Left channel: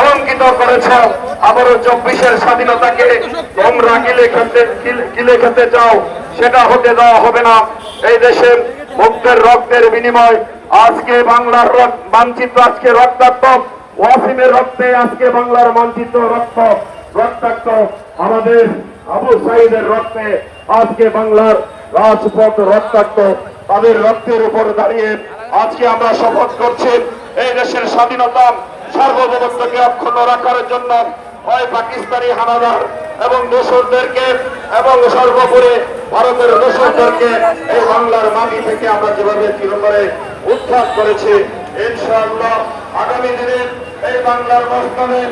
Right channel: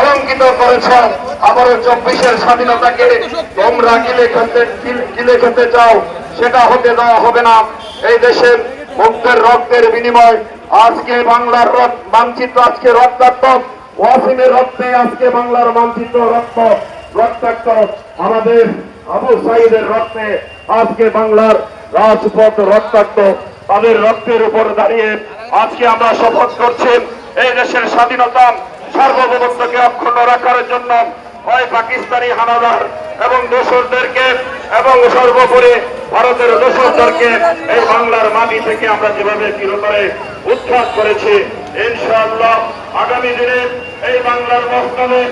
কলঙ্কিত করেছ আবারও চব্বিশের স্বাধীনতাকে তোমরা গিলে খেতে গিলে খেতে চাও, সেটা হতে দেওয়া হবে না। এই দেশে মুক্তের রক্তের বিনিময়। আজকে বাংলার রক- মানচিত্র আজকে রক্তাক্ত। ওয়াসিমের রক্তে আজকে বাংলার মানচিত্র রক্ত রক্তাক্ত। আমাদের আবু সাইদের রক্তে আজকে বাংলার রাজপথ রক্তাক্ত। তাদের রক্তের উপর দাঁড়িয়ে আজকে আমরা শপথ করছি। এই দেশের স্বাধীনতা সার্বভৌমত্বকে অক্ষুণ্ণ রাখার জন্য হয় পাকিস্তানি হানাদার এবং দোসরদেরকে এবং সর্বোপরি ভারতের দোসরদেরকে এই বাংলার মাটি থেকে আমরা যেভাবে চিরতরে উত্থাপ করেছি, ইনশাআল্লাহ আগামী দিনে এই বাংলার মস্তানে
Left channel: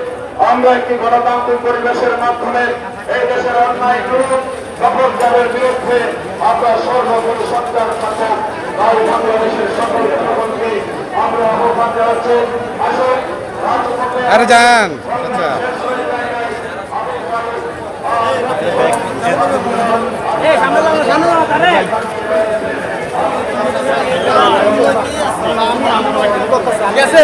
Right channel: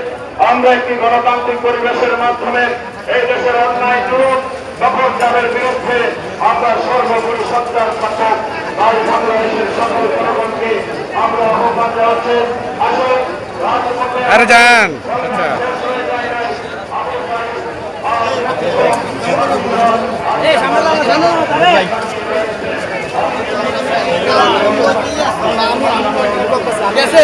আমরা একটি গণতান্ত্রিক পরিবেশের মাধ্যমে এই দেশের অন্যায় রূপ দখলদারের বিরুদ্ধে আমরা সর্বোপরি সন্তান থাকুক বাংলাদেশের সকল জনগণকে আমরা আহ্বান জানাচ্ছি। আসুন আরে যান। আচ্ছা। গেছে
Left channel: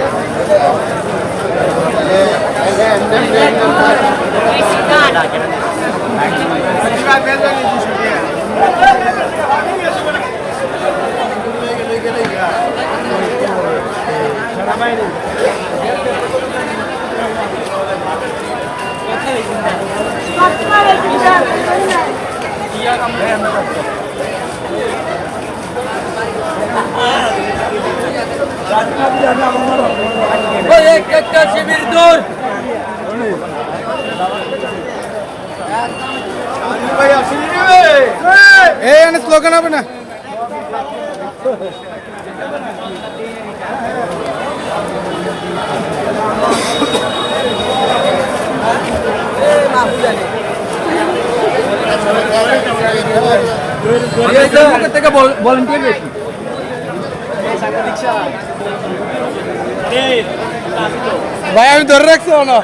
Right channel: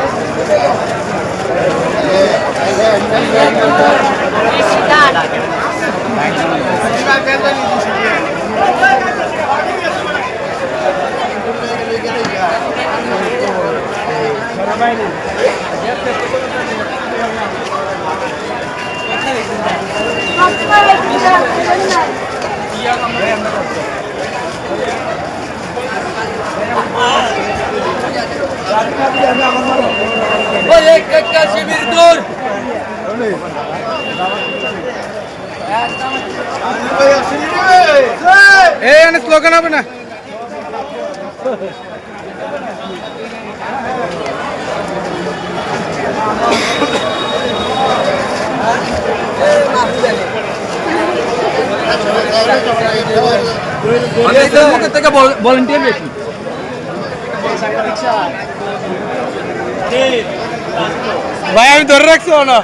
এক একটা শিবির দূর এই এনে স্লোগান হবে না মুখের থেকে ভলেন্টিয়ার বেশি ভাই আমি ধরে রাখছি না।